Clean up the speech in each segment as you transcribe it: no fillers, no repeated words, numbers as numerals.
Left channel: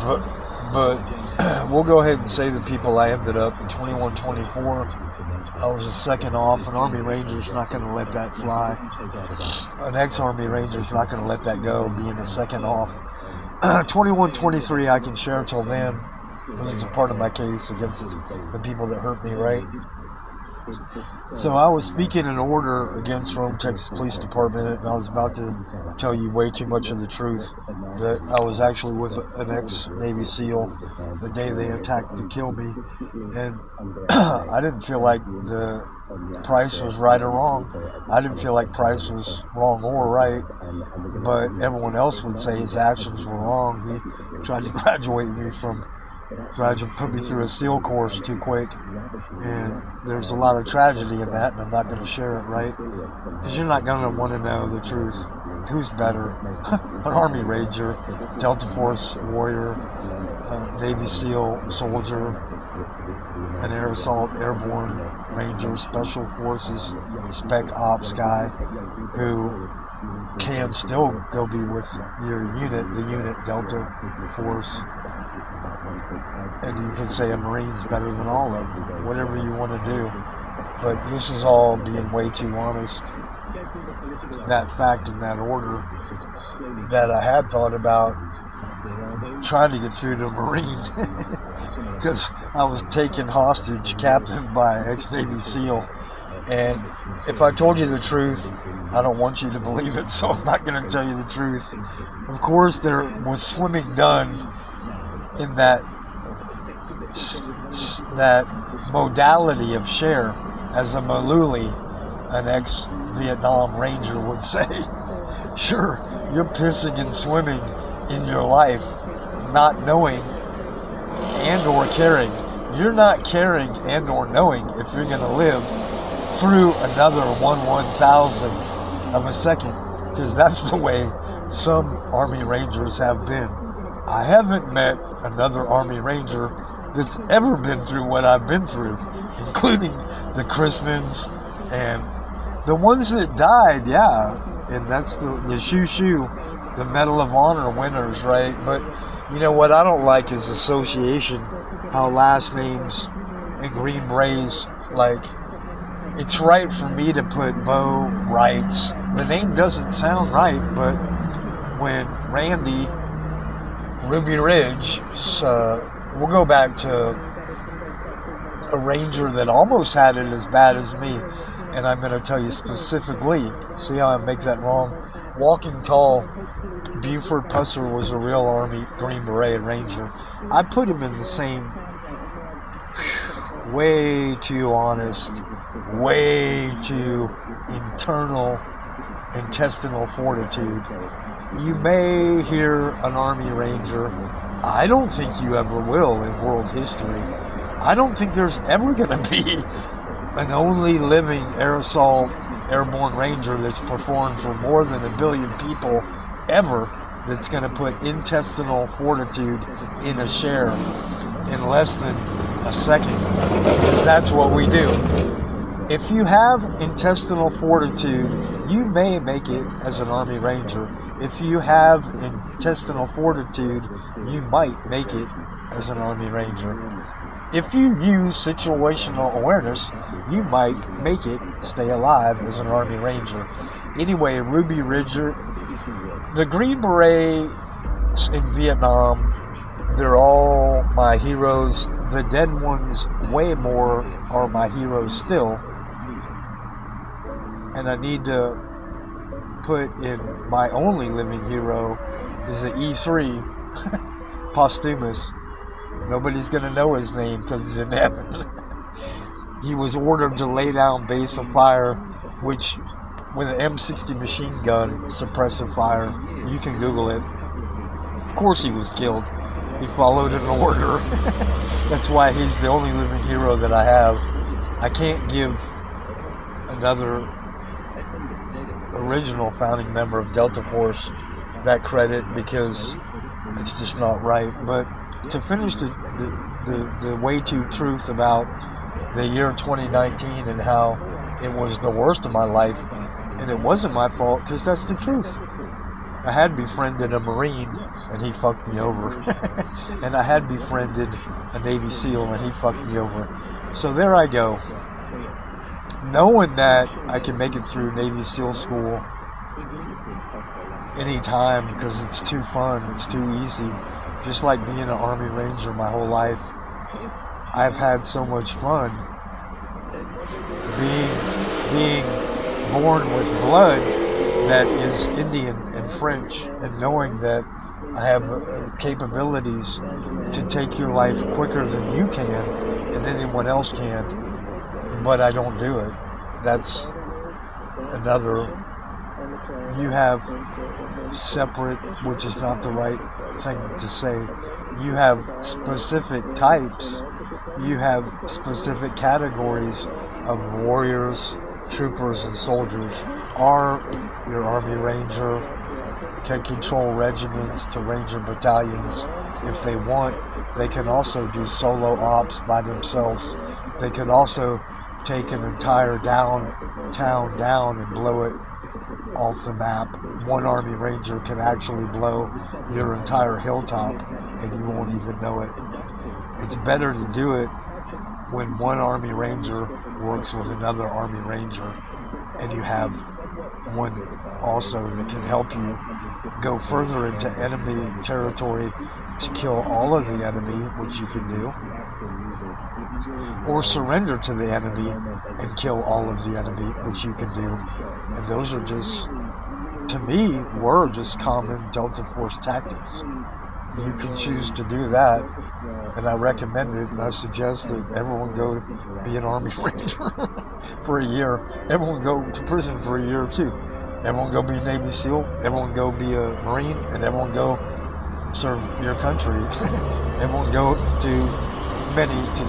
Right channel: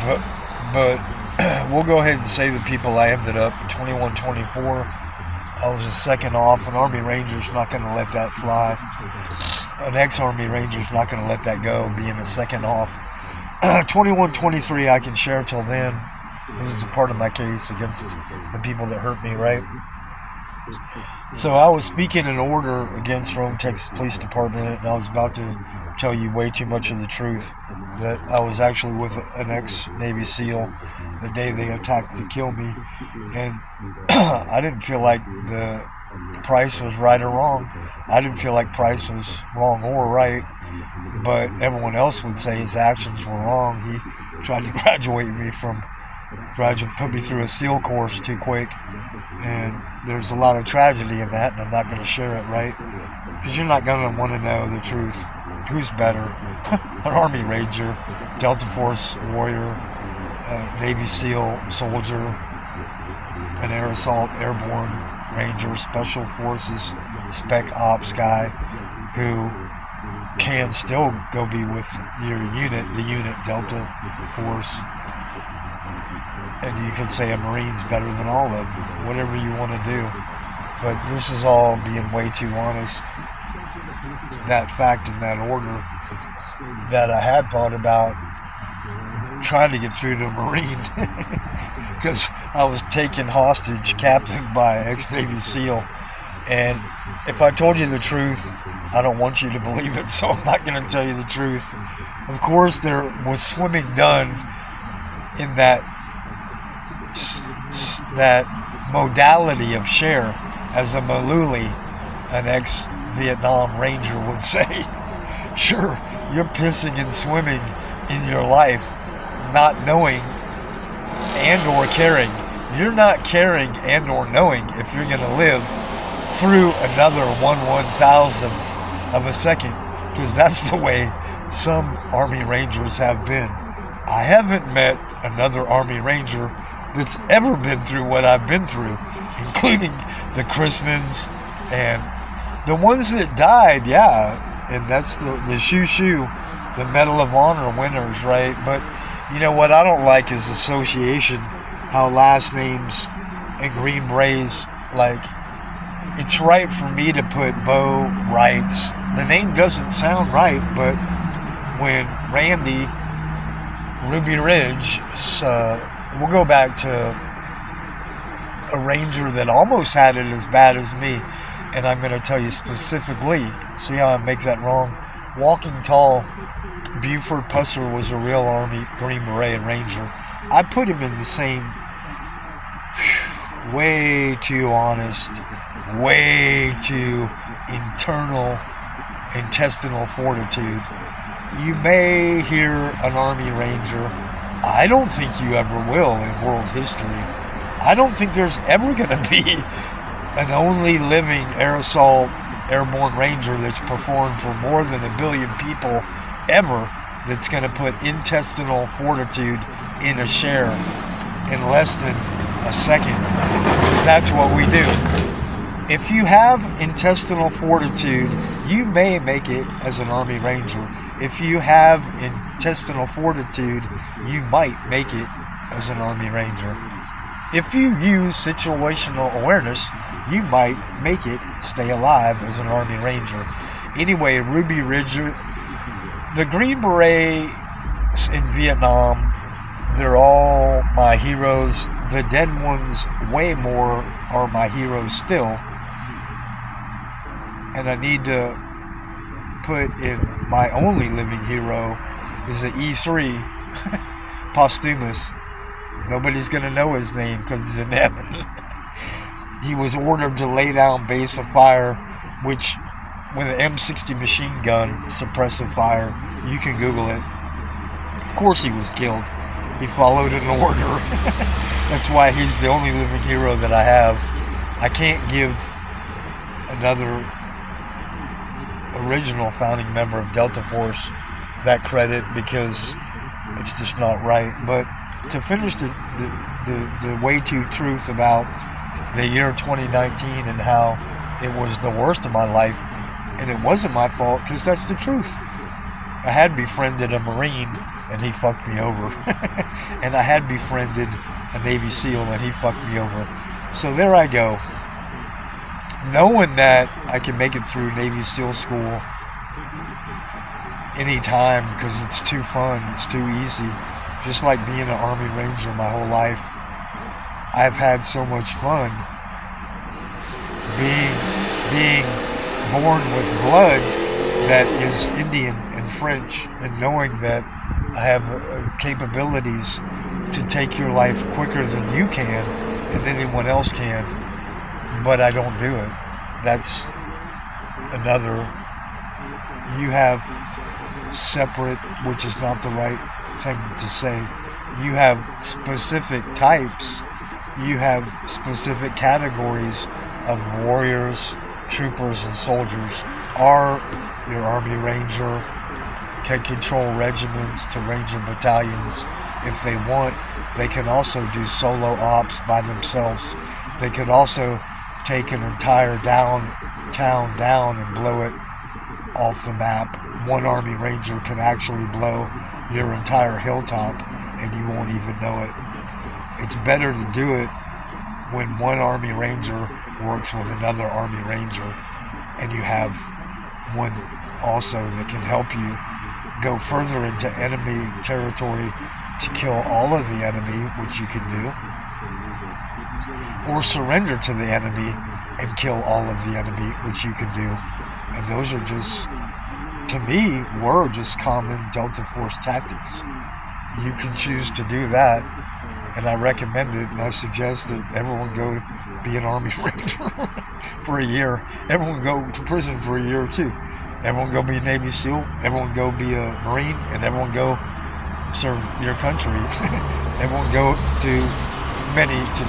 but we'll go ahead and say the people I ended up in 2124. I was a second off. An Army Ranger's not going to let that fly. An ex-Army Ranger's not going to let that go, being a second off. 2123 I can share till then. This is a part of my case against the people that hurt me, right? So I was speaking an order against Rome, Texas Police Department, and I was about to tell you way too much of the truth, that I was actually with an ex-Navy SEAL the day they attacked to kill me, and I didn't feel like the Price was right or wrong. I didn't feel like Price was wrong or right, but everyone else would say his actions were wrong. He tried to put me through a SEAL course too quick, and there's a lot of tragedy in that, and I'm not going to share it, right? Because you're not going to want to know the truth. Who's better? An Army Ranger, Delta Force warrior, Navy SEAL soldier, an Air Assault Airborne Ranger, Special Forces Spec Ops guy who can still go be with your unit, the unit Delta Force. And you can say a Marine's better than all of them, whatever you want to do. But this is all being way too honest. That fact and that order that I had thought about trying to get through to a Marine because I was taken hostage, captive by an ex-Navy SEAL. And if I told you the truth, I don't want you to believe it, so I'm not going to tell you the truth. Of course, there was swimming done in that modality of share, as a Maluli, an ex-Vietnam Ranger, would say. Sure, you're pissing and swimming in your life, not knowing and or caring. You're not caring and or knowing if you're going to live through another 1/1000th of a second, because that's the way some Army Rangers have been. I haven't met another Army Ranger that's ever been through what I've been through, including the Chrismans and the ones that died, yeah, and that's the shoo-shoo, the Medal of Honor winners, right? But you know what I don't like is association, how last names and Green Berets, like, it's right for me to put Bo Wrights. The name doesn't sound right, but when Randy Ruby Ridge, we'll go back to a Ranger that almost had it as bad as me, and I'm going to tell you specifically, see how I make that wrong? Walking Tall, Buford Pusser was a real Army Green Beret Ranger. I put him in the same, way too honest, way too intestinal fortitude. You may hear an Army Ranger. I don't think you ever will in world history. I don't think there's ever going to be an only living Air Assault Airborne Ranger that's performed for more than 1 billion people ever that's going to put intestinal fortitude in a share in less than a second, because that's what we do. If you have intestinal fortitude, you may make it as an Army Ranger. If you have intestinal fortitude, you might make it as an Army Ranger. If you use situational awareness, you might make it stay alive as an Army Ranger. Anyway, Ruby Ridge, the Green Berets in Vietnam, they're all my heroes. The dead ones, way more, are my heroes still. And I need to put in my only living hero is an E3, posthumous. Nobody's going to know his name because it's in heaven. He was ordered to lay down base of fire, which with an M60 machine gun, suppressive fire, you can Google it. Of course he was killed. He followed an order. That's why he's the only living hero that I have. I can't give another original founding member of Delta Force that credit because it's just not right. But to finish the way too truth about the year 2019 and how it was the worst of my life, and it wasn't my fault because that's the truth. I had befriended a Marine and he fucked me over. And I had befriended a Navy SEAL and he fucked me over. So there I go. Knowing that I can make it through Navy SEAL school anytime because it's too fun, it's too easy. Just like being an Army Ranger my whole life. I've had so much fun being born with blood that is Indian and French, and knowing that I have capabilities to take your life quicker than you can and anyone else can, but I don't do it. That's another. You have separate, which is not the right thing to say. You have specific types. You have specific categories of warriors, troopers, and soldiers. Your Army Ranger can control regiments to Ranger battalions if they want. They can also do solo ops by themselves. They can also take an entire town down and blow it off the map. One Army Ranger can actually blow your entire hilltop and you won't even know it. It's better to do it when one Army Ranger works with another Army Ranger and you have one also that can help you go further into enemy territory to kill all of the enemy, which you can do, or surrender to the enemy and kill all of the enemy, which you can do. And those are just, to me, were just common Delta Force tactics. You can choose to do that, and I recommend it, and I suggest that everyone go be an Army Ranger for a year. Everyone go to prison for a year or two. Everyone go be a Navy SEAL. Everyone go be a Marine, and everyone go serve your country. Everyone go to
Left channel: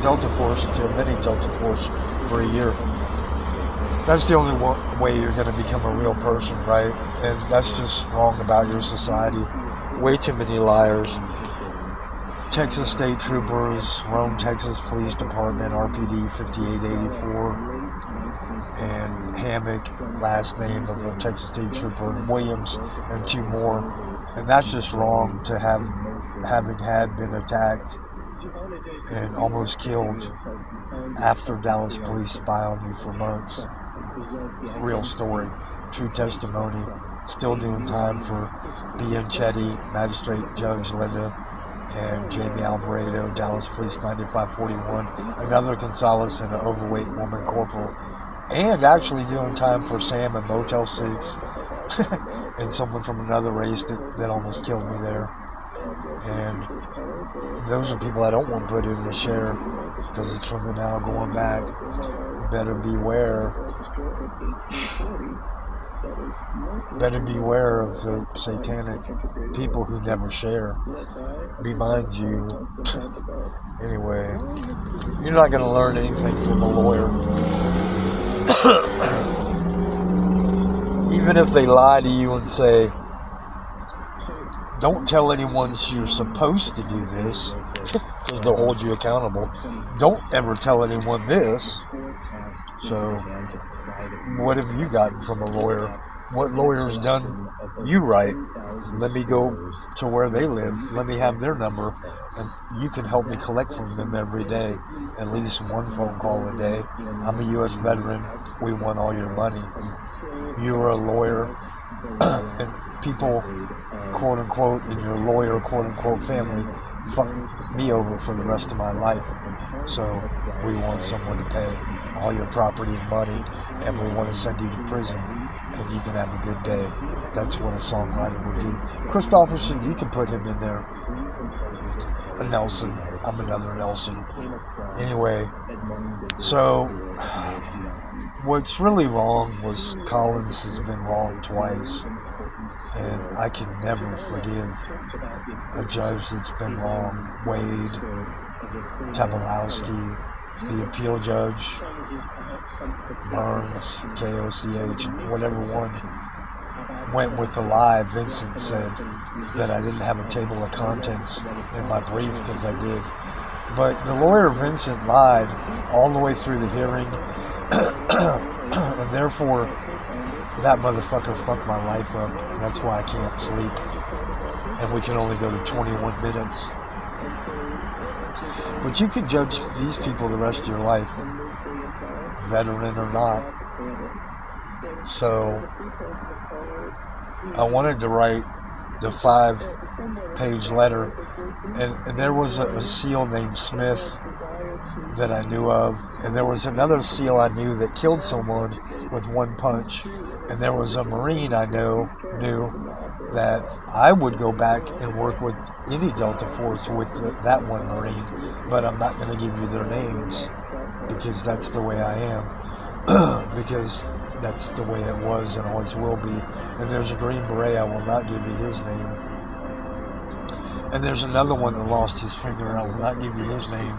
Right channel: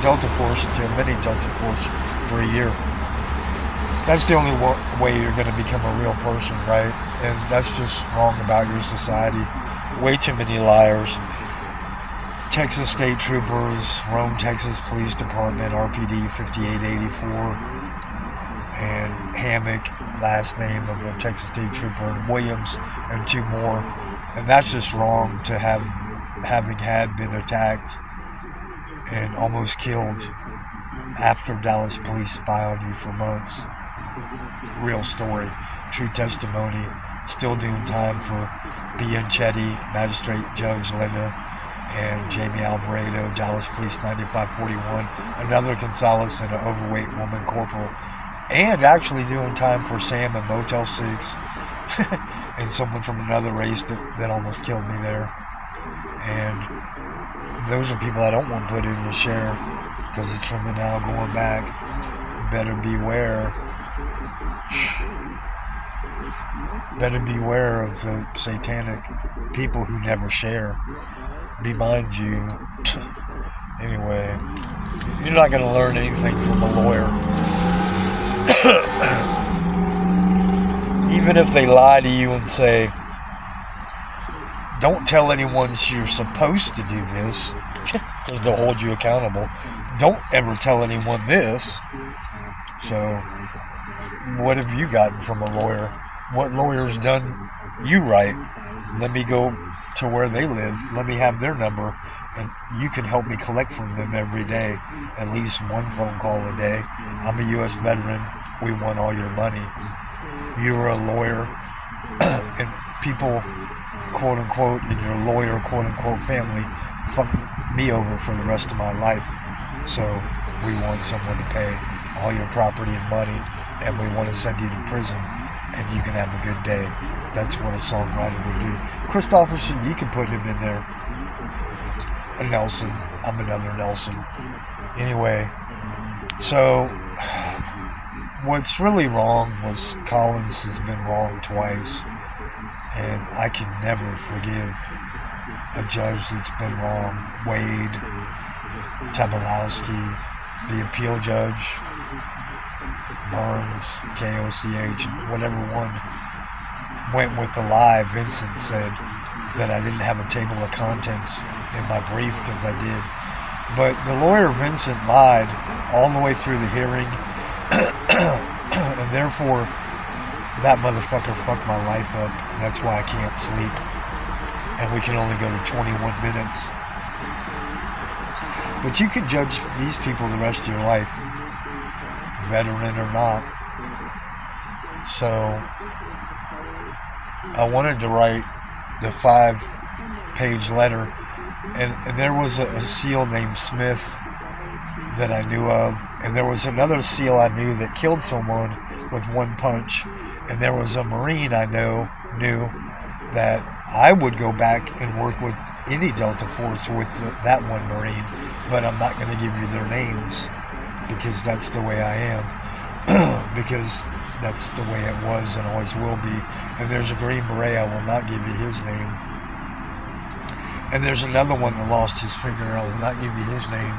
Delta Force, to a mini Delta Force for a year. That's the only way you're going to become a real person, right? And that's just wrong about your society. Way too many liars. Texas State Troopers, Rome, Texas Police Department, RPD 5884, and Hammock, last name of a Texas State Trooper, and Williams, and two more. And that's just wrong to having been attacked and almost killed after Dallas police spy on you for months. Real story, true testimony. Still doing time for Bianchetti, Magistrate Judge Linda, and Jamie Alvarado, Dallas Police 9541, another Gonzalez and an overweight woman corporal, and actually doing time for Sam and Motel 6, and someone from another race that almost killed me there. And those are people I don't want to put in the share because it's from the now going back. Better beware. Better beware of the satanic people who never share. Be mind you. Anyway, you're not going to learn anything from a lawyer. Even if they lie to you and say, don't tell anyone you're supposed to do this, because they'll hold you accountable. Don't ever tell anyone this. So, what have you gotten from a lawyer? What lawyer's done you right? Let me go to where they live. Let me have their number, and you can help me collect from them every day, at least one phone call a day. I'm a U.S. veteran. We want all your money. You were a lawyer, and people, quote unquote, in your lawyer, quote unquote, family fuck me over for the rest of my life. So we want someone to pay all your property and money, and we want to send you to prison, and you can have a good day. That's what a songwriter would do. Christopherson, you can put him in there. A Nelson. I'm another Nelson. Anyway, so what's really wrong was Collins has been wrong twice, and I can never forgive a judge that's been wrong. Wade, Tabalowski, the appeal judge, Burns, KOCH, whatever one went with the lie. Vincent said that I didn't have a table of contents in my brief because I did. But the lawyer Vincent lied all the way through the hearing, and therefore that motherfucker fucked my life up, and that's why I can't sleep. And we can only go to 21 minutes. But you can judge these people the rest of your life, veteran or not. So I wanted to write the 5-page letter, and there was a SEAL named Smith that I knew of, and there was another SEAL I knew that killed someone with one punch, and there was a Marine I knew that I would go back and work with any Delta Force with that one Marine, but I'm not going to give you their names because that's the way I am, because that's the way it was and always will be. And there's a Green Beret, I will not give you his name. And there's another one that lost his finger, I will not give you his name.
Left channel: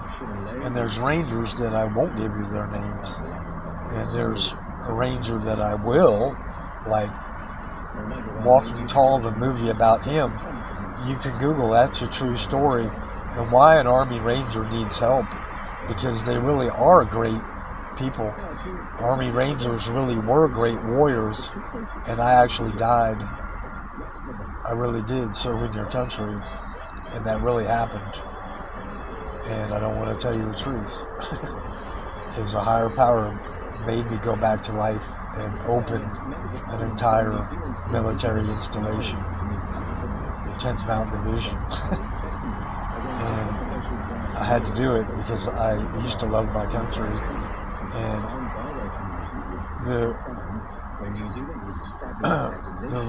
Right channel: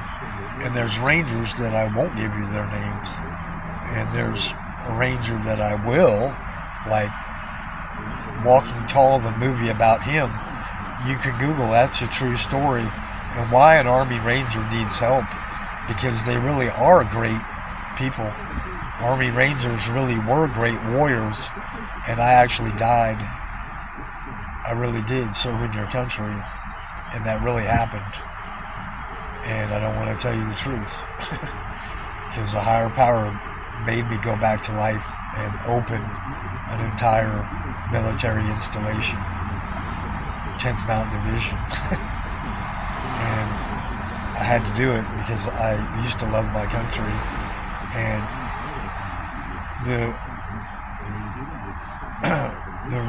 And there's Rangers that I won't give you their names. And there's a Ranger that I will, like Walking Tall, the movie about him. You can Google, that's a true story. And why an Army Ranger needs help, because they really are great people. Army Rangers really were great warriors, and I actually died. I really did, serving your country, and that really happened. And I don't want to tell you the truth, because a higher power made me go back to life and open an entire military installation, 10th Mountain Division. And I had to do it because I used to love my country. And the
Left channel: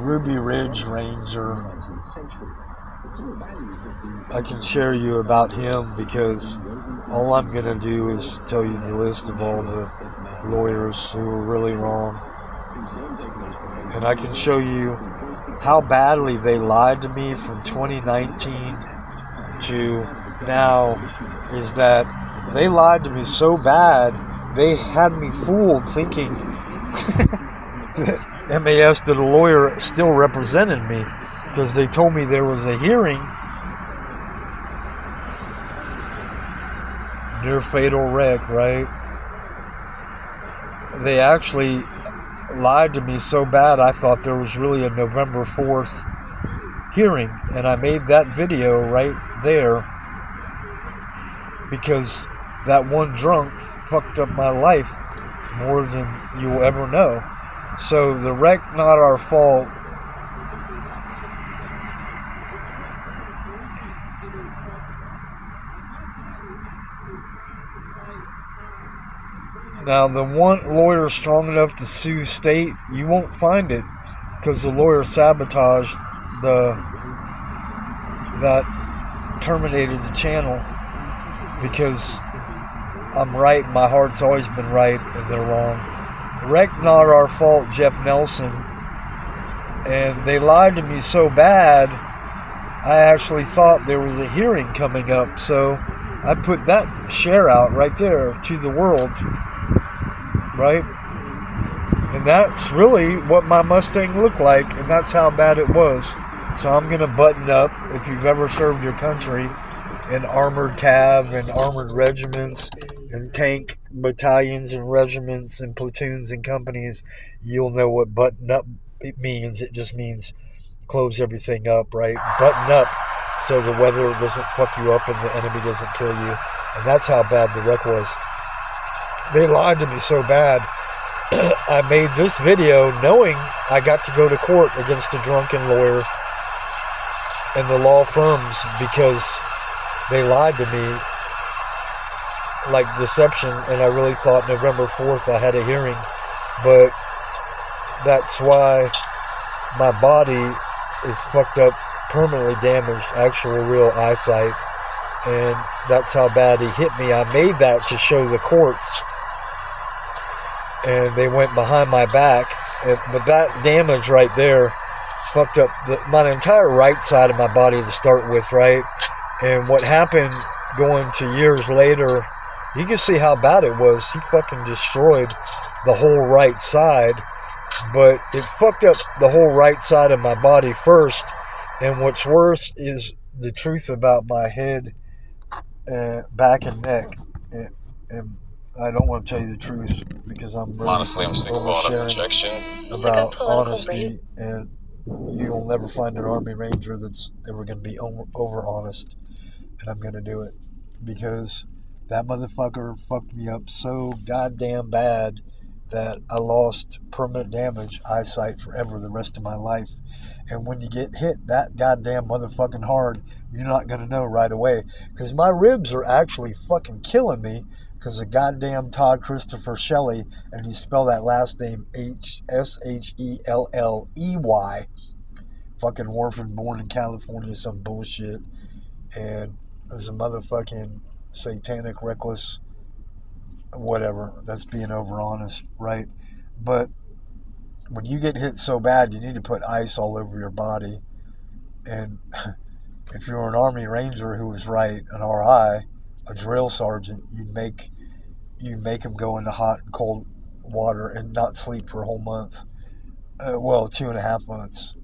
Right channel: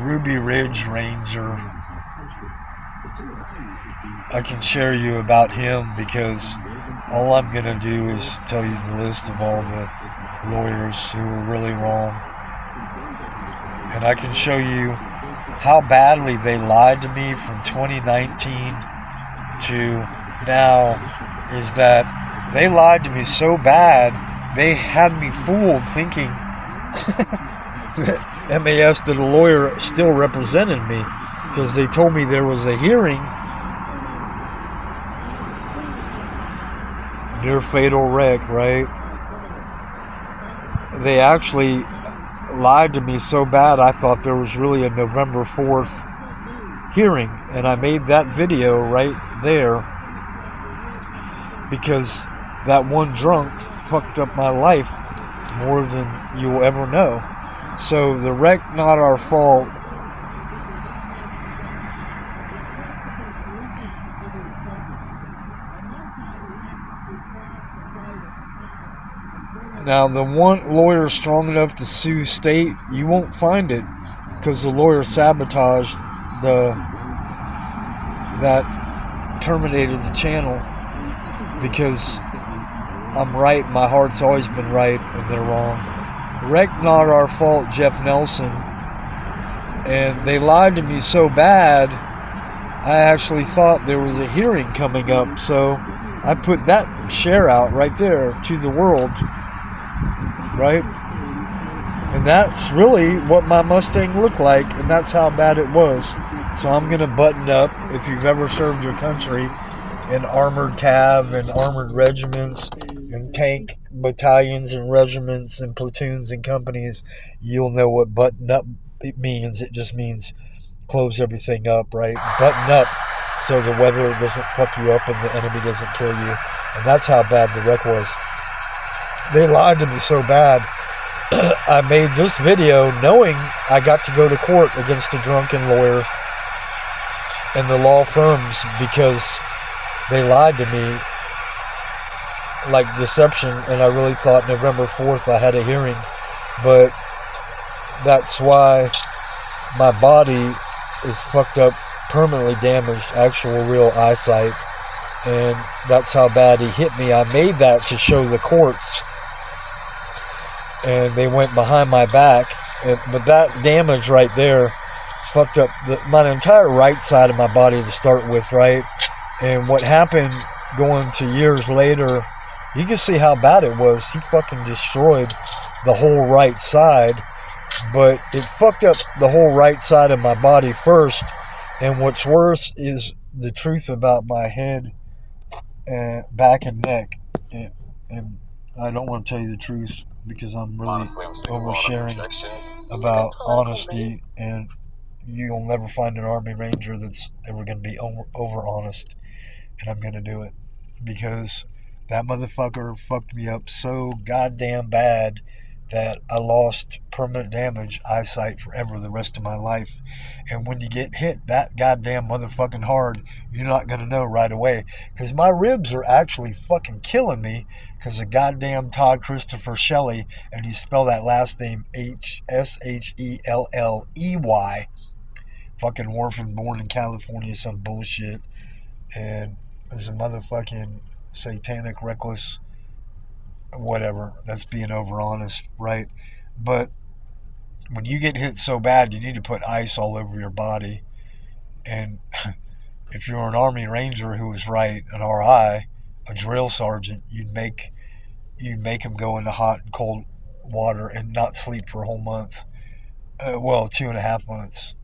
Ruby Ridge Ranger, I can share you about him because all I'm going to do is tell you the list of all the lawyers who were really wrong. And I can show you how badly they lied to me from 2019 to now, is that they lied to me so bad, they had me fooled thinking that MAS, that a lawyer, still represented me, because they told me there was a hearing. Near fatal wreck, right? They actually lied to me so bad I thought there was really a November 4th hearing, and I made that video right there because that one drunk fucked up my life more than you'll ever know. So the wreck, not our fault. Now, the one lawyer strong enough to sue state, you won't find it, because the lawyer sabotaged that terminated the channel, because I'm right, my heart's always been right, and they're wrong. Wreck, not our fault, Jeff Nelson. And they lied to me so bad, I actually thought there was a hearing coming up, so I put that share out right there to the world. Right? And that's really what my Mustang looked like, and that's how bad it was. So I'm going to button up. If you've ever served your country in armored cav and armored regiments and tank battalions and regiments and platoons and companies, you'll know what button up it means. It just means close everything up, right? Button up so the weather doesn't fuck you up and the enemy doesn't kill you. And that's how bad the wreck was. They lied to me so bad. I made this video knowing I got to go to court against a drunken lawyer and the law firms because they lied to me like deception, and I really thought November 4th I had a hearing. But that's why my body is fucked up, permanently damaged, actual real eyesight, and that's how bad he hit me. I made that to show the courts, and they went behind my back, but that damage right there fucked up my entire right side of my body to start with, right? And what happened going to years later, you can see how bad it was. He fucking destroyed the whole right side, but it fucked up the whole right side of my body first. And what's worse is the truth about my head, back and neck, and I don't want to tell you the truth because I'm really Honestly, I'm sick of oversharing rejection. about honesty, and you'll never find an Army Ranger that's ever going to be over honest, and I'm going to do it because that motherfucker fucked me up so goddamn bad that I lost permanent damage eyesight forever the rest of my life. And when you get hit that goddamn motherfucking hard, you're not going to know right away. Because my ribs are actually fucking killing me because of goddamn Todd Christopher Shelley, and you spell that last name Shelley. Fucking orphan born in California, some bullshit. And there's a motherfucking satanic, reckless, whatever. That's being over honest, right? But when you get hit so bad, you need to put ice all over your body. And if you're an Army Ranger who was right, an RI, a drill sergeant, you'd make them go into hot and cold water and not sleep for a whole month. 2.5 months,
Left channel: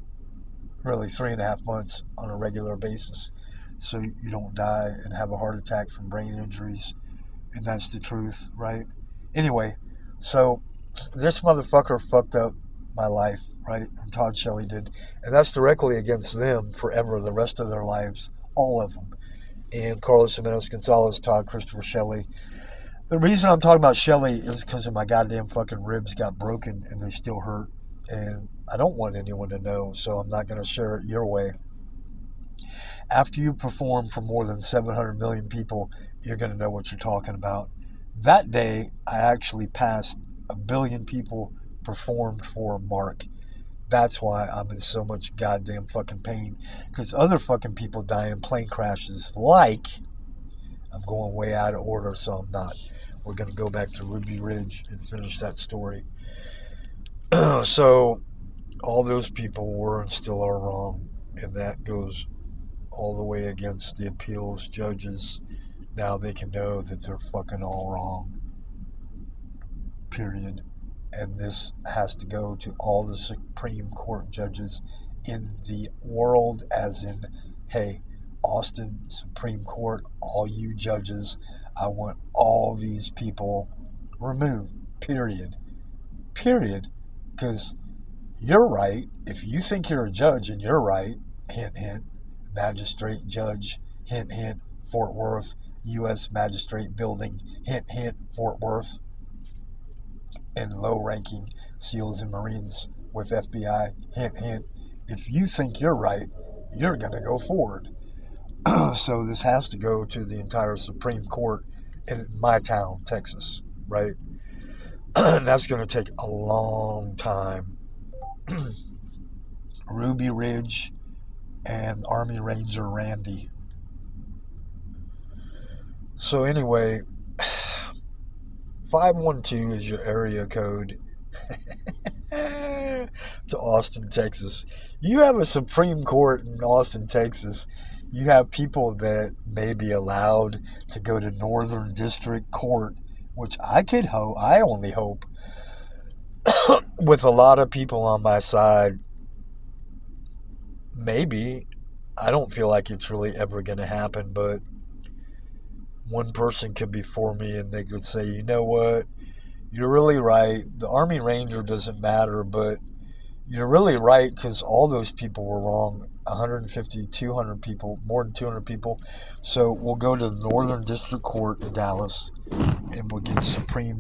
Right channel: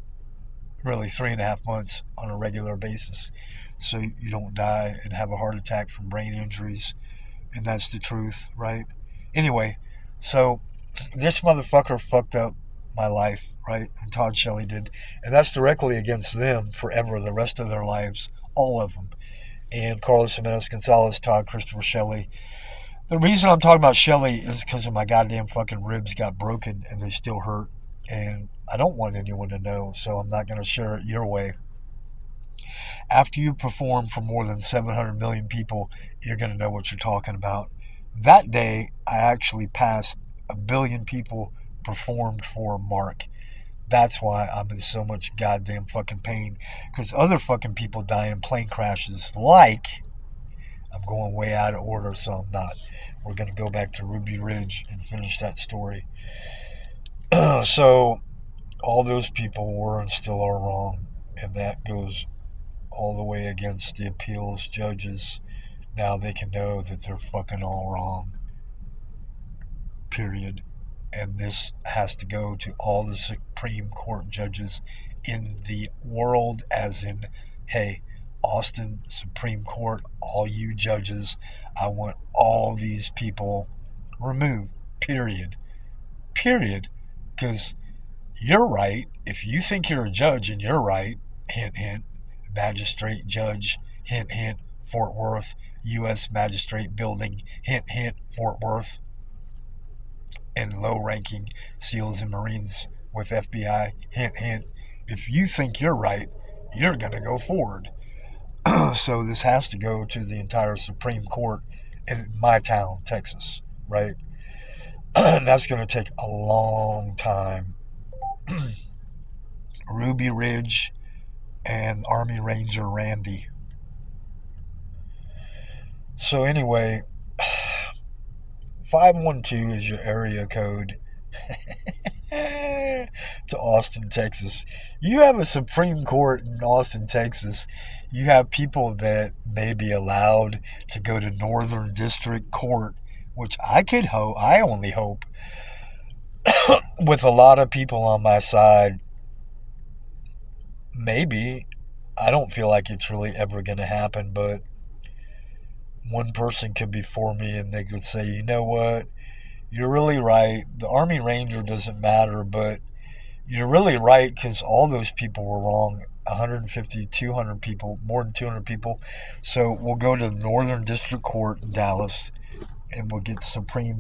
really 3.5 months on a regular basis, so you don't die and have a heart attack from brain injuries. And that's the truth, right? Anyway, so this motherfucker fucked up my life, right? And Todd Shelley did. And that's directly against them forever, the rest of their lives, all of them. And Carlos Jimenez Gonzalez, Todd Christopher Shelley. The reason I'm talking about Shelley is because of my goddamn fucking ribs got broken and they still hurt. And I don't want anyone to know, so I'm not going to share it your way. After you perform for more than 700 million people, you're going to know what you're talking about. That day, I actually passed 1 billion people performed for Mark. That's why I'm in so much goddamn fucking pain. Because other fucking people die in plane crashes like... I'm going way out of order, so I'm not. We're going to go back to Ruby Ridge and finish that story. So, all those people were and still are wrong. And that goes all the way against the appeals judges. Now they can know that they're fucking all wrong. Period. And this has to go to all the Supreme Court judges in the world, as in, hey, Austin Supreme Court, all you judges, I want all these people removed. Period. Because you're right. If you think you're a judge and you're right, hint, hint, magistrate, judge, hint, hint, Fort Worth, U.S. Magistrate Building, hint, hint, Fort Worth, and low-ranking SEALs and Marines with FBI, hint, hint. If you think you're right, you're going to go forward. So this has to go to the entire Supreme Court in my town, Texas, right? And that's going to take a long time. Ruby Ridge and Army Ranger Randy. So anyway, 512 is your area code to Austin, Texas. You have a Supreme Court in Austin, Texas. You have people that may be allowed to go to Northern District Court, which I only hope, with a lot of people on my side, maybe. I don't feel like it's really ever going to happen, but one person could be for me and they could say, you know what, you're really right. The Army Ranger doesn't matter, but you're really right because all those people were wrong. 150, 200 people, more than 200 people. So we'll go to the Northern District Court in Dallas and we'll get Supreme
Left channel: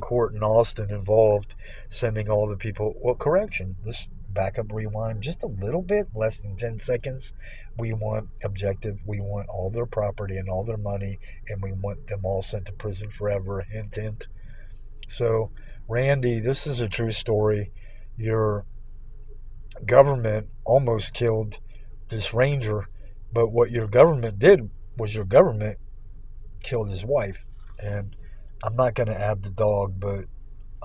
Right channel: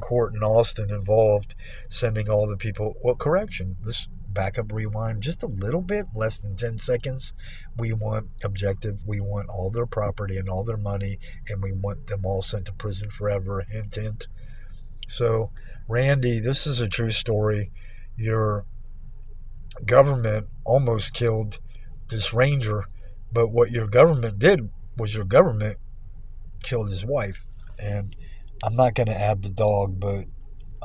Court in Austin involved, sending all the people. Well, correction, this backup rewind just a little bit, less than 10 seconds. We want objective. We want all their property and all their money, and we want them all sent to prison forever. Hint, hint. So, Randy, this is a true story. Your government almost killed this ranger, but what your government did was your government killed his wife. And I'm not going to add the dog, but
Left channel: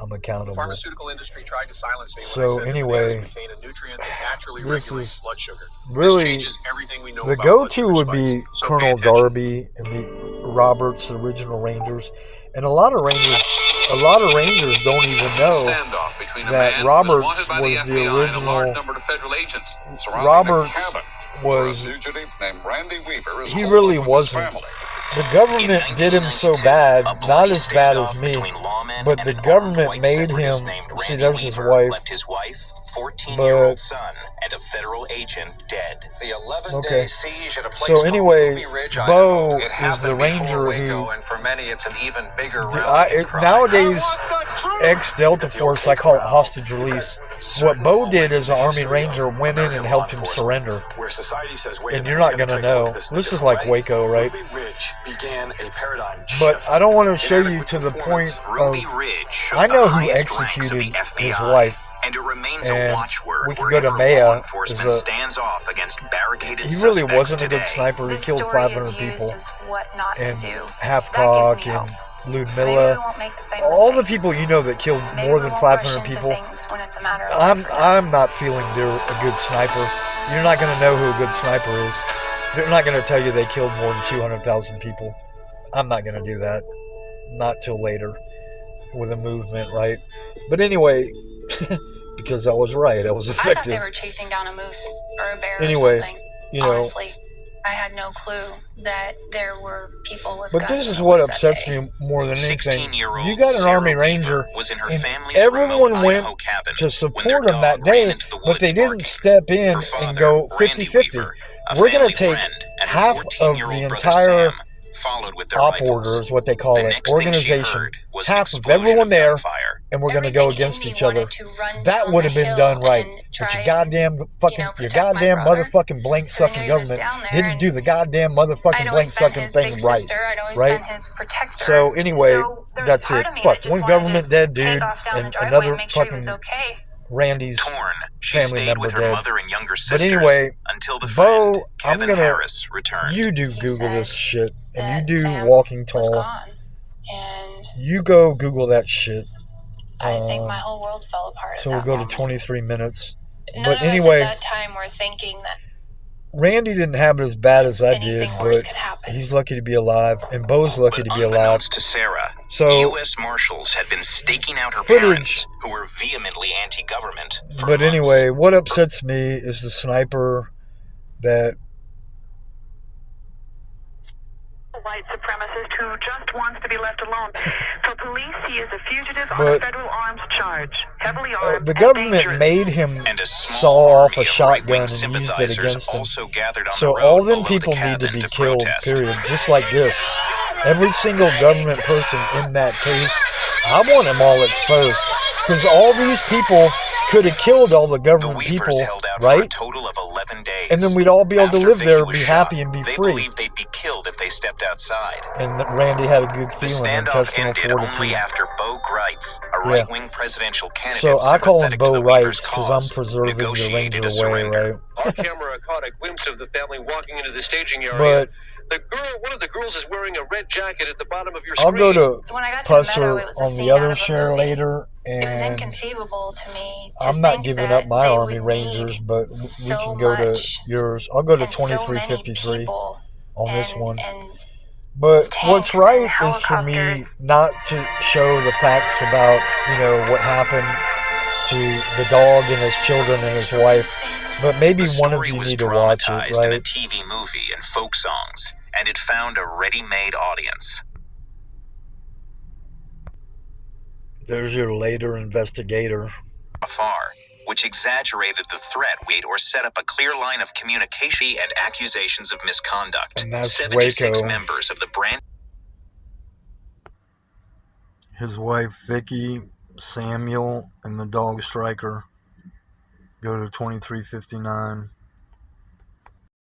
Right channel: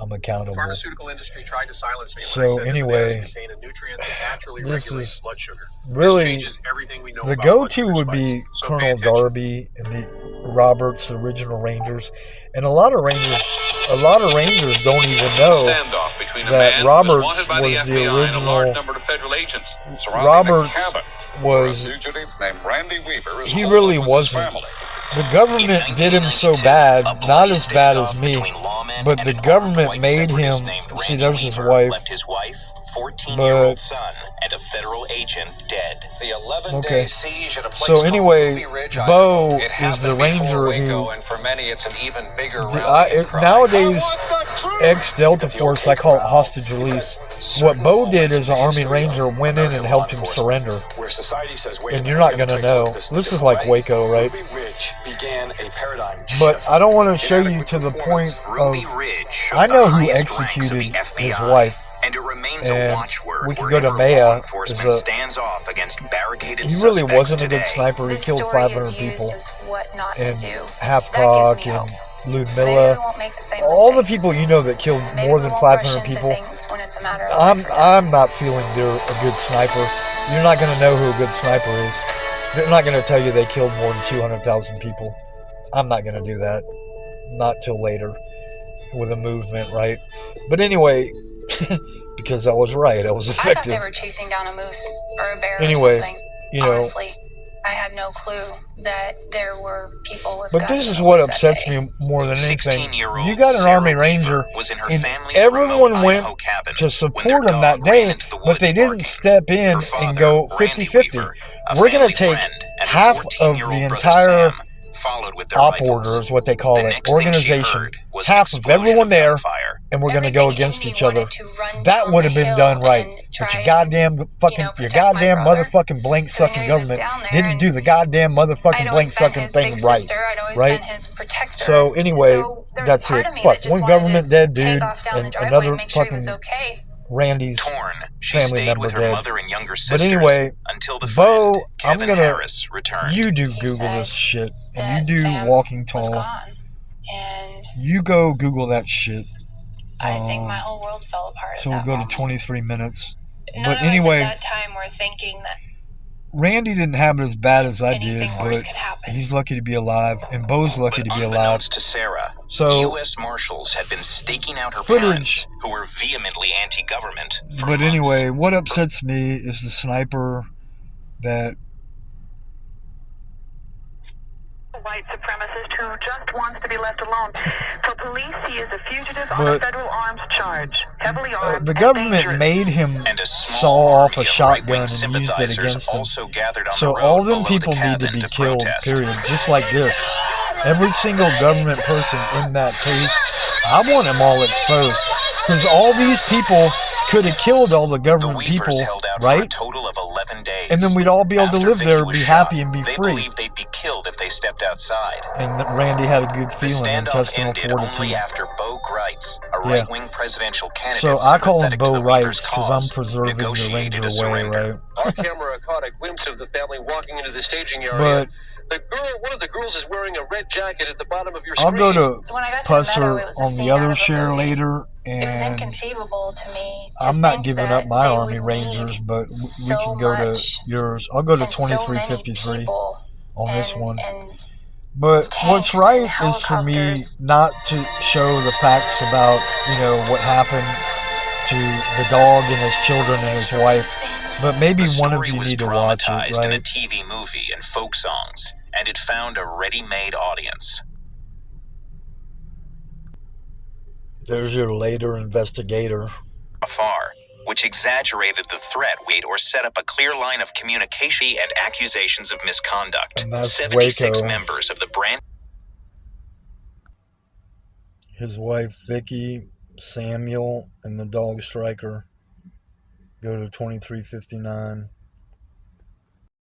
I'm accountable. The pharmaceutical industry tried to silence me so anyway, this is blood sugar. Really the go-to would be Colonel Darby and the Roberts, the original Rangers, and a lot of Rangers don't even know that Roberts was the original. Roberts was, he really wasn't the government did him so bad, not as bad as me, but the government made him, see, there's his wife, 14-year-old son, and a federal agent dead. The 11-day siege at a place so anyway, called Ruby Ridge, Bo it is the happened ranger before Waco, who, and for many it's an even bigger rallying cry. nowadays, ex-Delta Force, I call it hostage release. What Bo did as an Army Ranger went in and helped him surrender. Where society says, wait, And you're not going to know. This is like Waco, right? Ruby Ridge began a paradigm But shift. I don't want to show you to the point of, Ruby Ridge I know who showed the highest ranks of executed the his FBI, wife. and it remains And a watchword we can go to wherever Maya. law enforcement Is a- stands off against barricaded He really suspects wasn't a today. good sniper. He This killed story 500 is used people. as what not to And do. That Halfcock gives me and hope. Maybe we Ludmilla. won't make the same All the mistakes. people you know that killed Maybe more we than won't rush 500 into people. things when it's a matter of life or death. I'm not feeling they're a good sniper. You're not going to know who a good sniper is. They're not going to tell you they killed more than 200,000 people. I'm not going to do that. Not till later with a movement, right? But anyway, because I was right. I was I thought effective. they were chasing down a moose or a bear Anyway, or something. you know. Honestly, I had no clue that there were people with But guns this in is the what woods that upsets day. me more than anything. 16-year-old You got an Sarah Army Weaver Ranger, was in her and family's everyone remote went Idaho cabin to when their support him dog that ran day, into the but woods they didn't barking. step in Her and father, go Randy 50-50. Weaver, a We're going family to take friend, and her half of 14-year-old the brother entire Sam followed with their op rifles. order, is what they call The it, next thing she organization, heard was half an of explosion everyone of there, gunfire. and we're going to go Everything in against me each other. wanted to run That down would have the been hill done right. and But try your and, goddamn fucking, your protect my goddamn brother. motherfucking blank sucking And he was government down there, didn't and do the goddamn motherfucking I'd always blank been sucking his thing big right. sister. I'd always Right? been his protector. So anyway, So there's that's a part it. of me Fuck, that just one wanted government to dead take dude off down the and driveway another and make sure he fucking was okay. Randy's Torn, she family stayed member with her dead. mother and younger But sisters anyway, until the Bo, friend, I'm Kevin gonna, Harris, returned. you do He Google said this shit, and that you do Sam Walking was Tall. gone, and You go Google that shit. I think my whole world fell apart. So at we'll that go to moment. 23 minutes. None But of us anyway, at that time were thinking that Randy didn't have it as bad as I anything did, worse but could happen. he's lucky to be alive, and Bo's lucky to be alive. Unbeknownst to Sarah, So, U.S. Marshals had been staking out her footage- parents, who were vehemently anti-government. For But months. anyway, what upsets me is the sniper that white supremacist who just wants to be left alone. For police, he is a fugitive on But- a federal arms charge, heavily armed the and government dangerous. made him And a saw small off army a of shotgun right-wing and used it sympathizers against him. also gathered on So the road all them below the people need to cabin be killed, protest. period. Just like this. Every single government person in that case, I want them all exposed. Because all these people could have killed all the The government Weavers people, held out for a right? total of 11 days. And then we'd all be able to After live there, Vicky was be shot, happy, and be they free. believed they'd be killed if they stepped outside. And that Randy had a good The feeling, standoff intestinal ended only fortitude. after Bo Greitz, a Yeah. right-wing presidential candidate, So I call him sympathetic Bo to the Weavers' Wrights because I'm cause, preserving the negotiated Ranger a way, surrender. right? Our camera caught a glimpse of the family walking into the staging area. But one of the girls is wearing a red jacket at the bottom of your I'll screen. go to When I got to the Pusser meadow, it was a on the scene out other of a share movie. later, It was and inconceivable to me. To I'm not think giving that up my they Army would Rangers, need but we so can go to much yours. I'll go to and so many 2353 people on this and- one. and But tanks what's and right is for me helicopters. not to show the facts about, what happened to the dog and his children and his wife. But maybe The one of story you was need to watch it, dramatized in a right? TV movie and folk songs, and it found a ready-made audience. There's your later investigator. Afar, which exaggerated the threat or set up a clear line of communication and accusations of misconduct. And that's 76 Waco. members of the brand His wife, Vicky, Samuel, and the dog Striker. Go to 2359.